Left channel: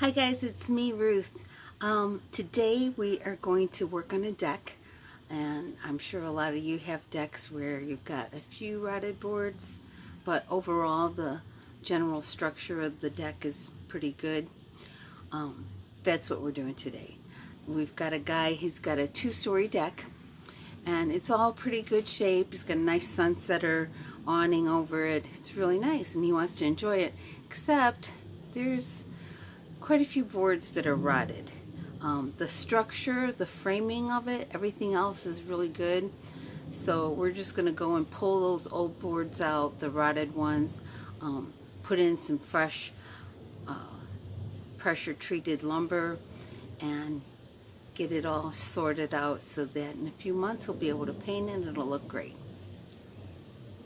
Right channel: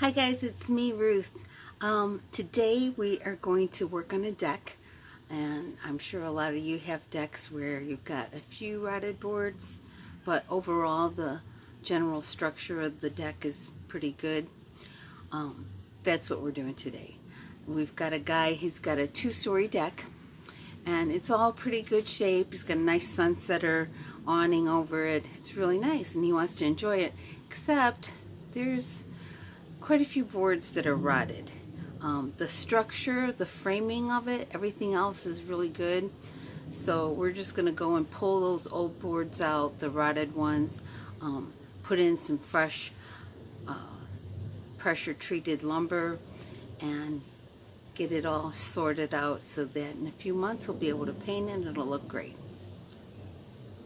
Hi guys, it's me, Ruth. Today we are going to work on a deck, and I'm sure a lot of you have decks where you've got a few rotted boards, but overall the general structure of the deck is pretty good. That's what we're doing today. We've got a guy, he's got a 2-story deck, and it's all pretty good shape. He's got a nice sunsetter awning over it. It's really nice, and he wants to enjoy it, except there's quite a few boards that are rotted. The structure, the framing of it, everything else is really good. So we're just going to go and pull those old boards out, the rotted ones, put in some fresh pressure treated lumber, and get it all sorted out so that in a few months we'll be able to paint it and it'll look great.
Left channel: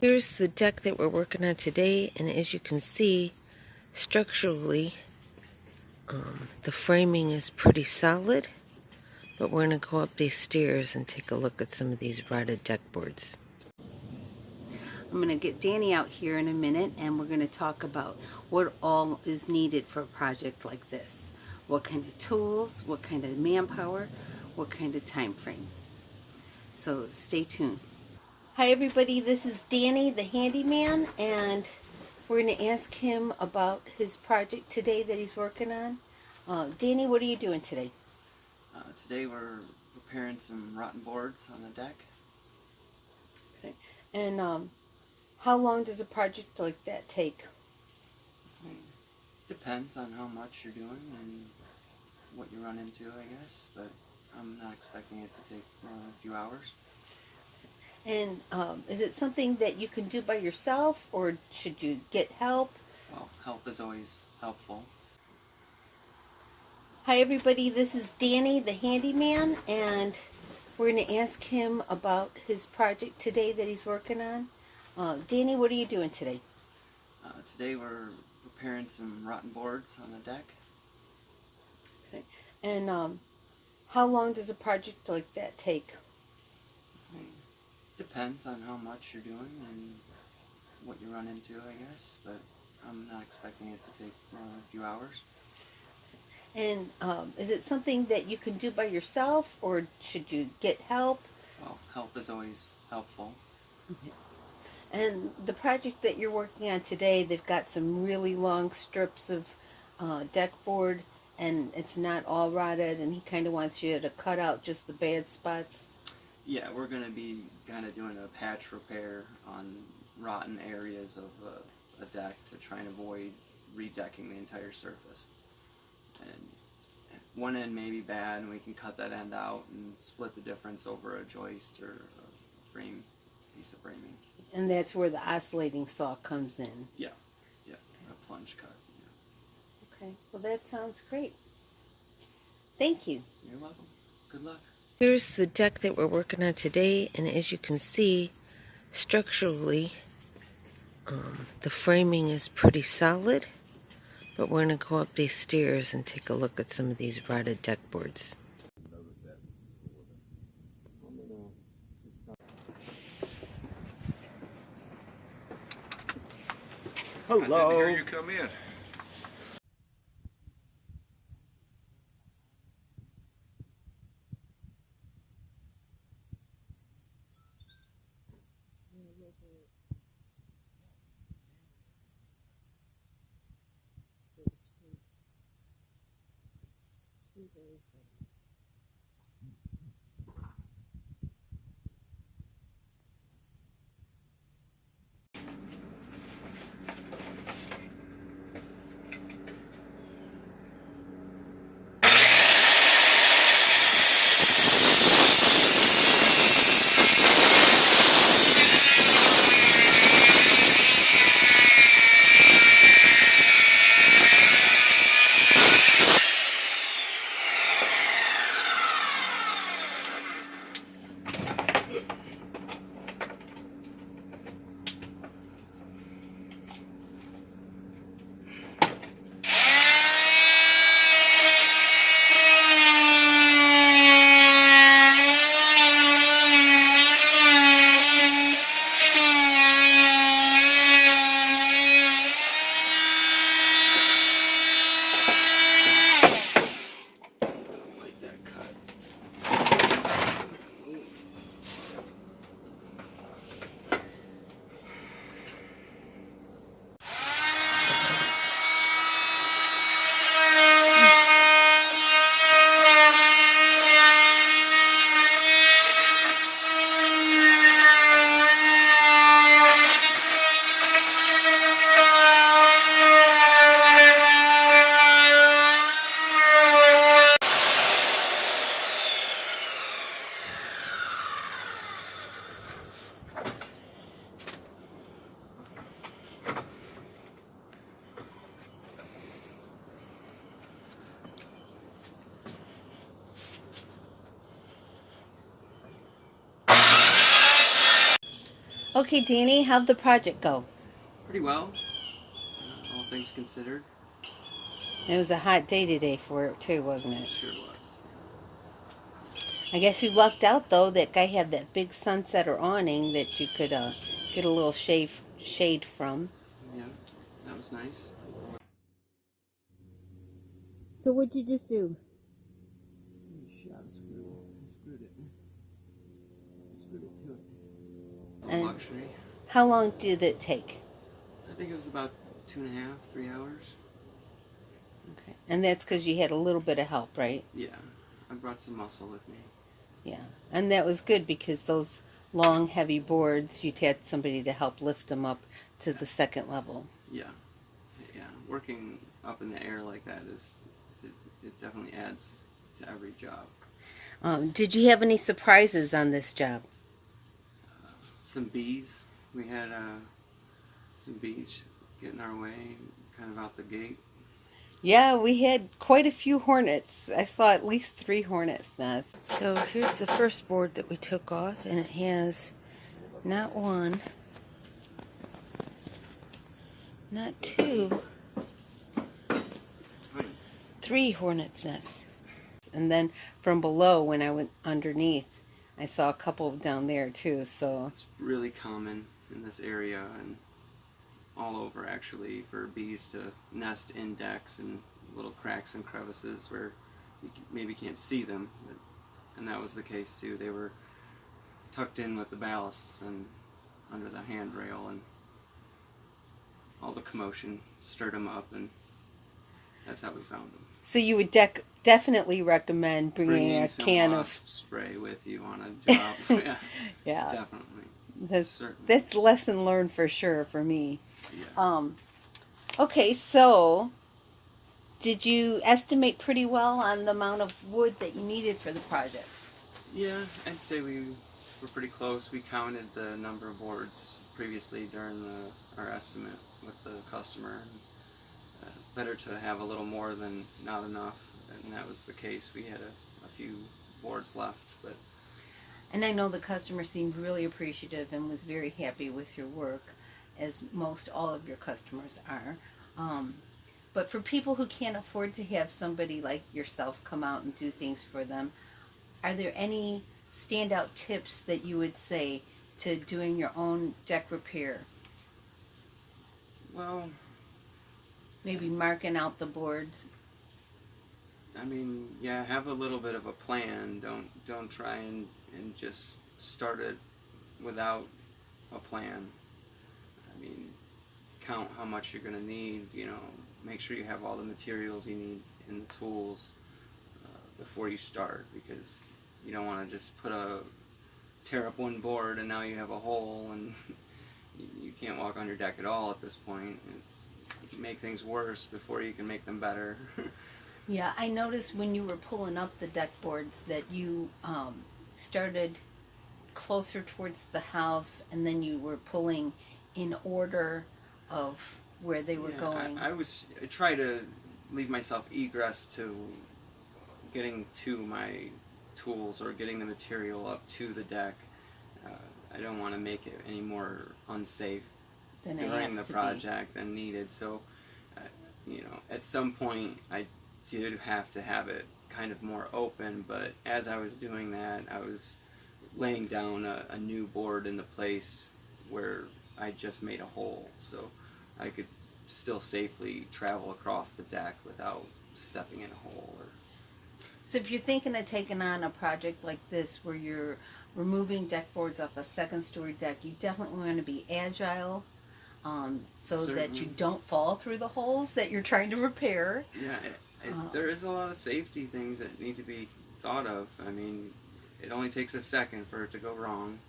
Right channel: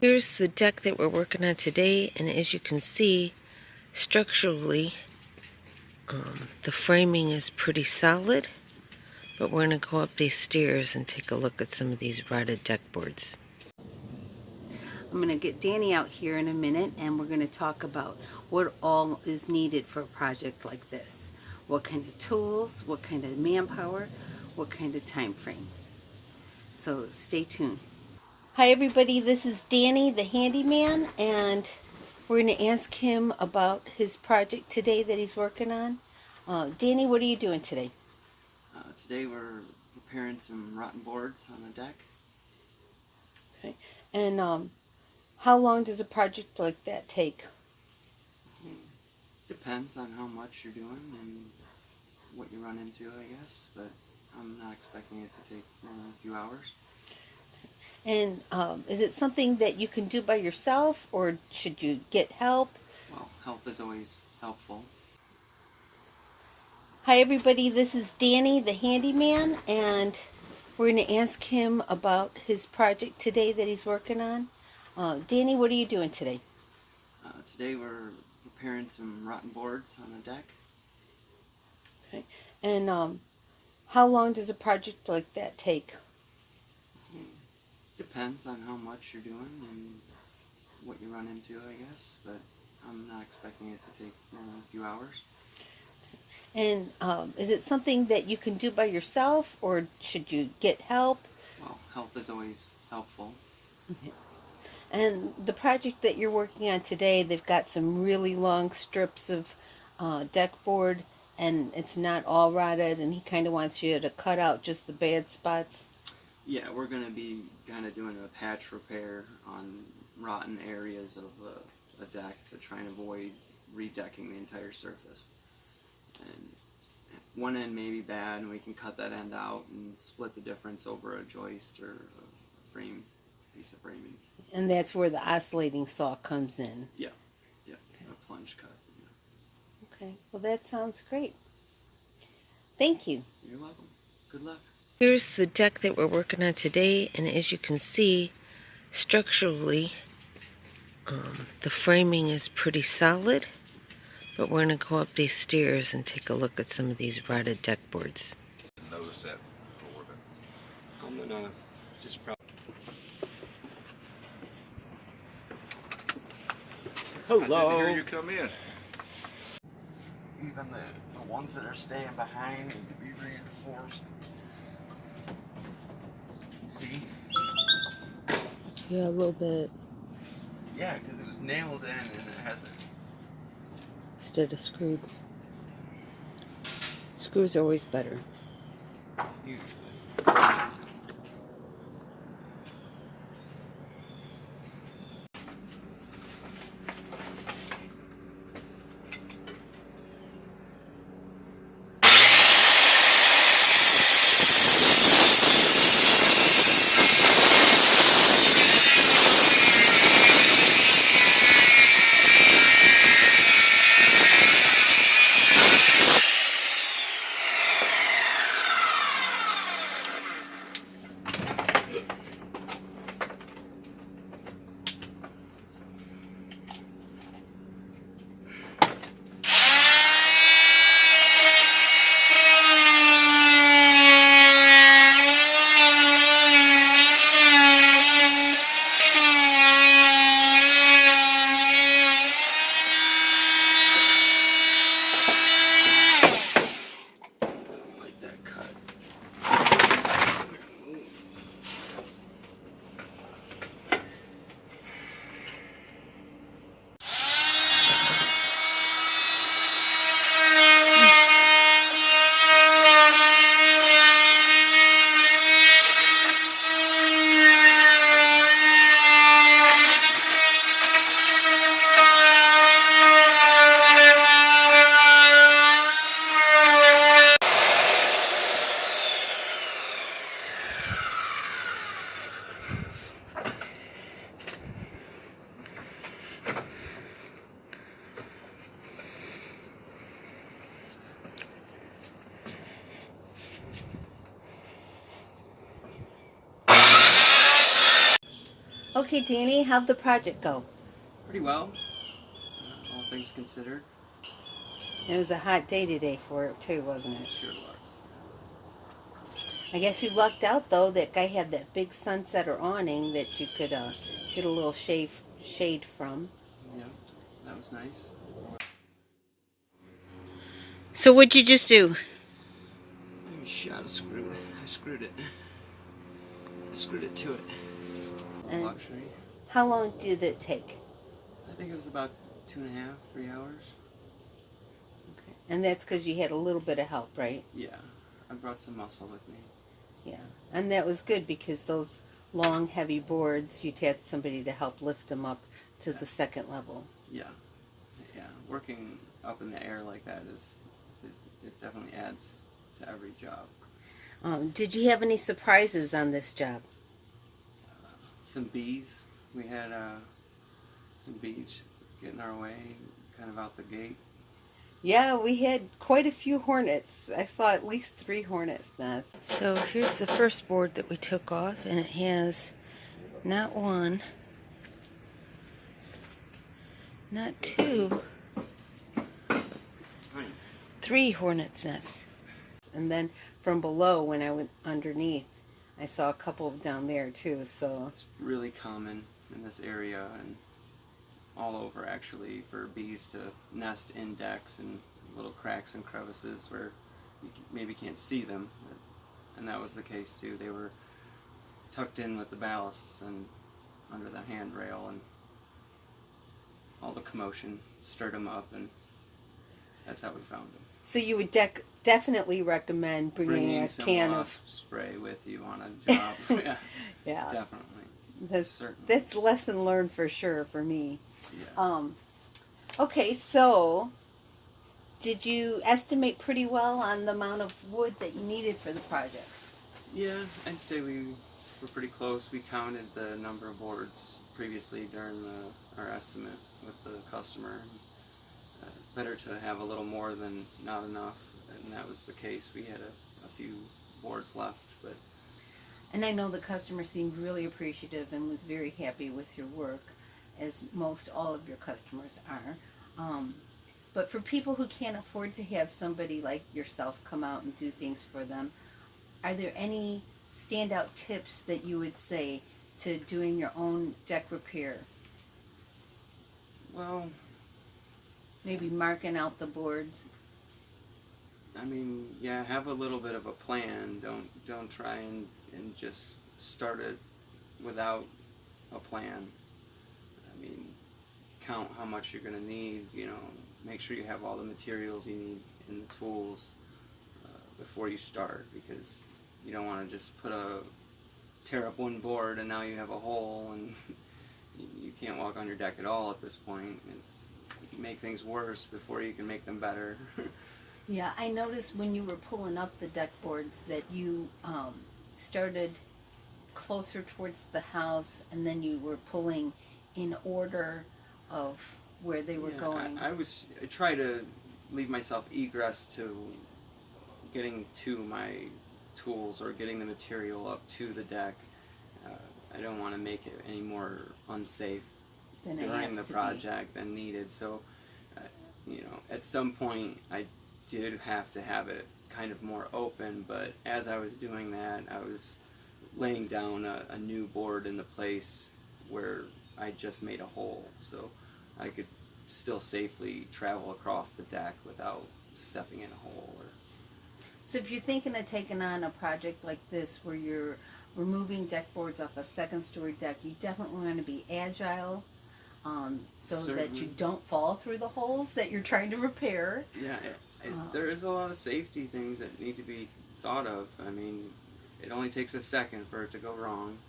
Here's the deck that we're working on today, and as you can see, structurally the framing is pretty solid, but we're going to go up these stairs and take a look at some of these rotted deck boards. I'm going to get Danny out here in a minute, and we're going to talk about what all is needed for a project like this. What kind of tools, what kind of manpower, what kind of time frame. So stay tuned. Hi everybody, this is Danny the Handyman, and we're going to ask him about his project today that he's working on. Danny, what are you doing today? Today we're repairing some rotten boards on the deck. Okay. And how long does a project like that take? Depends on how much you're doing and what you run into, I guess, but I'm not expecting it to take more than a few hours. And is it something that you can do by yourself, or should you get help? Well, help is always helpful. Hi everybody, this is Danny the Handyman, and we're going to ask him about his project today that he's working on. Danny, what are you doing today? Today we're repairing some rotten boards on the deck. Okay. And how long does a project like that take? Depends on how much you're doing and what you run into, I guess, but I'm not expecting it to take more than a few hours. And is it something that you can do by yourself, or should you get help? Well, help is always helpful. And the project that you're working on today, they've got some really long strips of deck board, and it's not all rotted, and he kind of wants you to cut out just the bad spots. Yeah, we're going to be kind of doing a patch repair on rotten areas of a deck to try and avoid redecking the entire surface. And one end may be bad, and we can cut that end out and split the difference over a joist or a piece of framing. And that's where the oscillating saw comes in. Yeah, a plunge cut. Yeah. Okay, well that sounds great. Thank you. You're welcome. Good luck. Here's the deck that we're working on today, and as you can see, structurally the framing is pretty solid, but we're going to go up these stairs and take a look at some of these rotted deck boards. Notice that before, but I'm gonna just Hello. I didn't hear you come in. Even the ones that are staying behind need to be reinforced. See? Yeah, a little bit. Yeah, because it was nailed in and it hasn't. Instead of screwed. Screws are always better. Usually. Okay, Danny, how'd the project go? Pretty well, all things considered. It was a hot day today for it too, wasn't It it? sure was. I guess you lucked out though. That guy had that big sunsetter awning that you could get a little shade from. Yeah, that was nice. So what'd you just do? I shot a screw. I screwed it. I screwed it to it. A little And luxury. how long did it take? I think it was about 2.5, 3 hours. Okay. And that's because you had a little bit of help, right? Yeah, I brought some muscle with me. Yeah. And that was good because those long, heavy boards, you'd had somebody to help lift them up to the second level. Yeah, yeah. Working up in the air like that it definitely adds to every job. Did you have any surprises on this job? Some bees. We had some bees getting our way, kind of out the gate. Yeah, we had quite a few hornets. I saw at least 3 hornets nests. So here's the first board that we took off, and it has not 1, not 2, 3 hornets nests. And then from below, when I went underneath, I saw a couple down there too. So It's really common in this area and all over actually for bees to nest in decks and little cracks and crevices where you maybe can't see them. And that was the case too. They were tucked in with the ballasts and under the handrail, and all the commotion stirred them up, and that's how we found them. So you would definitely recommend bringing a some can wasp spray with you on a job. Yeah, yeah, definitely. Certainly. that's lesson learned for sure for me. Yeah. Okay, so did you estimate pretty well on the amount of wood that you needed for the project? Yeah, I'd say we were pretty close. We counted the number of boards previously during our estimate with the customer. Better to have a little more than not enough, and that was the case. We had a few boards left, but. And I know the customer seemed really appreciative and was very happy with your work, as most all of your customers are. But for people who can't afford to have somebody like yourself come out and do things for them, are there any standout tips that you would say to doing your own deck repair? Well, maybe marking out the boards. I mean, yeah, have a little bit of a plan. Don't try and just start it without a plan. I mean, count how much you're going to need, make sure you have all the materials you need and the tools before you start, because you don't want to just tear up one board and now you have a hole and you can't walk on your deck at all at this point. You can make things worse before you can make them better. Yeah, I noticed when you were pulling up the deck boards that you started closer towards the house, and then you were pulling in order of where they were going. I try to leave myself egress to getting to my tools or getting the material up to the deck. I don't want to make it any more unsafe during the project than needed. So, at some point I did have to have it kind of more open, but as I was doing that, I was laying down a new board in the place where I just made a hole, so I could still safely travel across the deck without stepping in a hole. So if you're thinking of taking on a project like this where you're removing deck boards off a second-story deck, you definitely want to be agile, so Certainly. that you don't fall through the holes that you're trying to repair. Yeah, there is a lot of safety things that need to be thought of. I mean, it only takes a second for it to go wrong,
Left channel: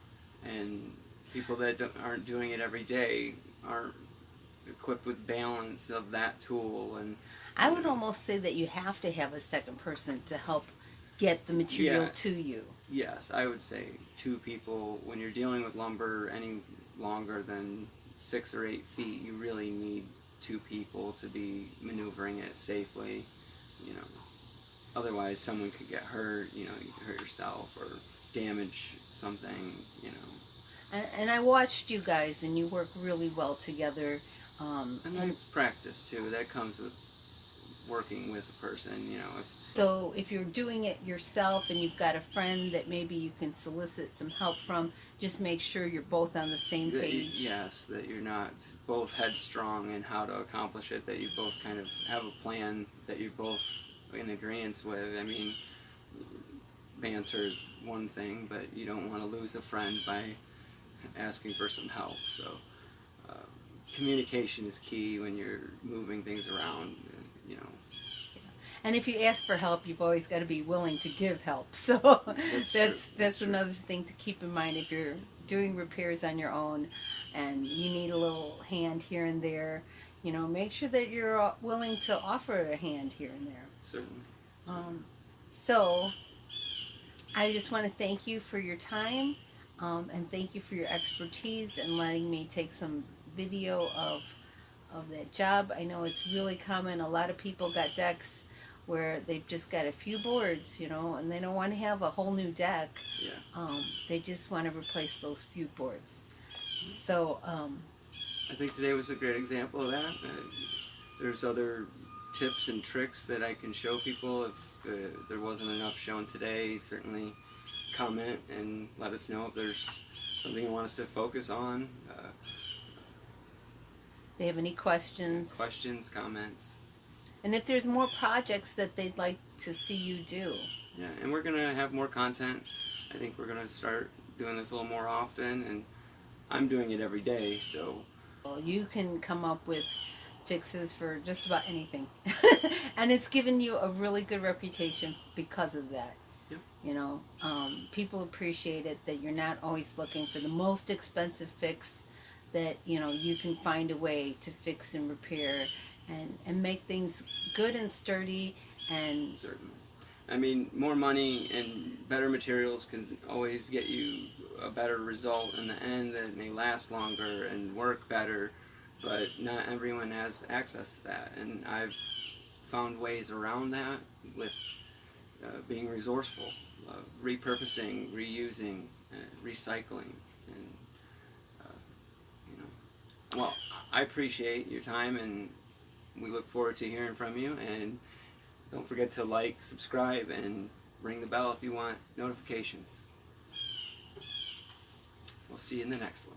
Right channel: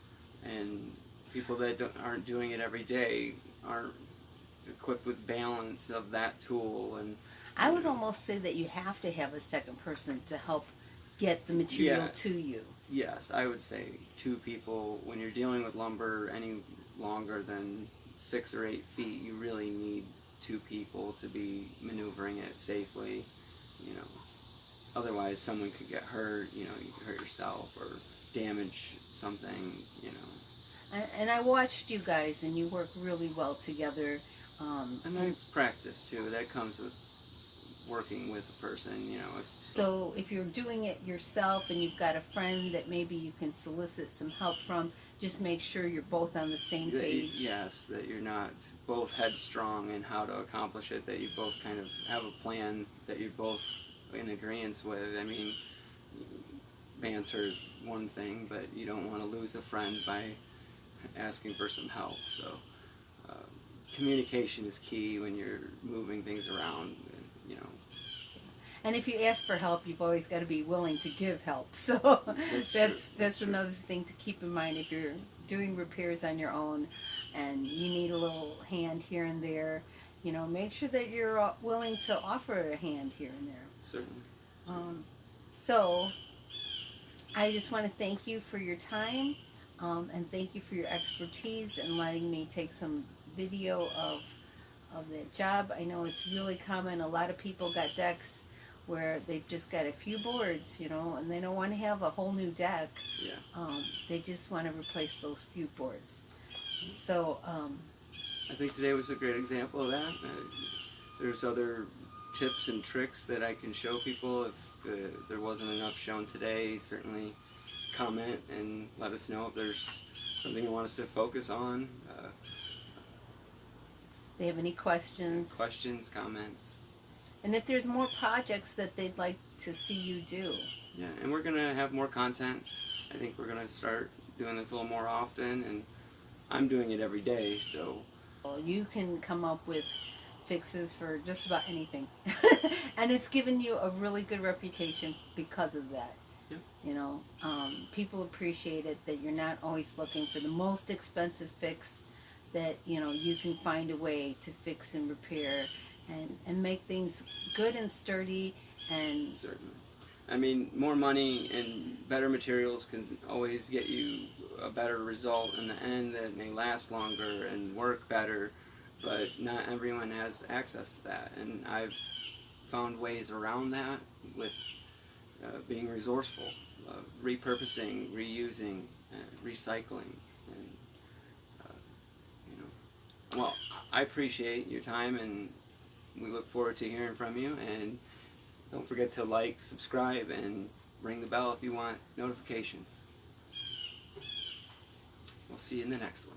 and people that aren't doing it every day aren't equipped with balance of that tool. And I would almost say that you have to have a second person to help get the material to you. Yes, I would say 2 people. When you're dealing with lumber any longer than 6 or 8 feet, you really need 2 people to be maneuvering it safely. Otherwise someone could get hurt. You could hurt yourself or damage something. And I watched you guys, and you work really well together. And then it's practice too. That comes with working with a person, you know. So if you're doing it yourself and you've got a friend that maybe you can solicit some help from, just make sure you're both on the same page. Yes, that you're not both headstrong in how to accomplish it, that you both kind of have a plan that you're both in agreement with. I mean, banter is one thing, but you don't want to lose a friend by asking for some help. So communication is key when you're moving things around, you know. And if you ask for help, you've always got to be willing to give help. So that's true. another thing to keep in mind if you're doing repairs on your own and you need a little hand here and there. You know, make sure that you're willing to offer a hand here and there. Certainly. So I just want to thank you for your time, and thank you for your expertise and letting me take some video of that job. I know it's really common. A lot of people got decks where they've just got a few boards, you know, and they don't want to have a whole new deck. Yeah. They just want to replace those few boards. So I think today was a great example of that. There's other tips and tricks that I can show people. If there wasn't enough shown today, certainly comment and let us know if there's something you want us to focus on. they have any questions. Questions, comments. And if there's more projects that they'd like to see you do. Yeah, and we're going to have more content. I think we're going to start doing this a little more often, and I'm doing it every day, so. Well, you can come up with fixes for just about anything. And it's given you a really good reputation because of that. Yep. You know, people appreciate it that you're not always looking for the most expensive fix, that, you know, you can find a way to fix and repair and make things good and sturdy. And Certainly. I mean, more money and better materials can always get you a better result in the end that may last longer and work better, but not everyone has access to that. And I've found ways around that with being resourceful, repurposing, reusing, recycling, and you know. Well, I appreciate your time, and we look forward to hearing from you. And don't forget to like, subscribe, and ring the bell if you want notifications. We'll see you in the next one.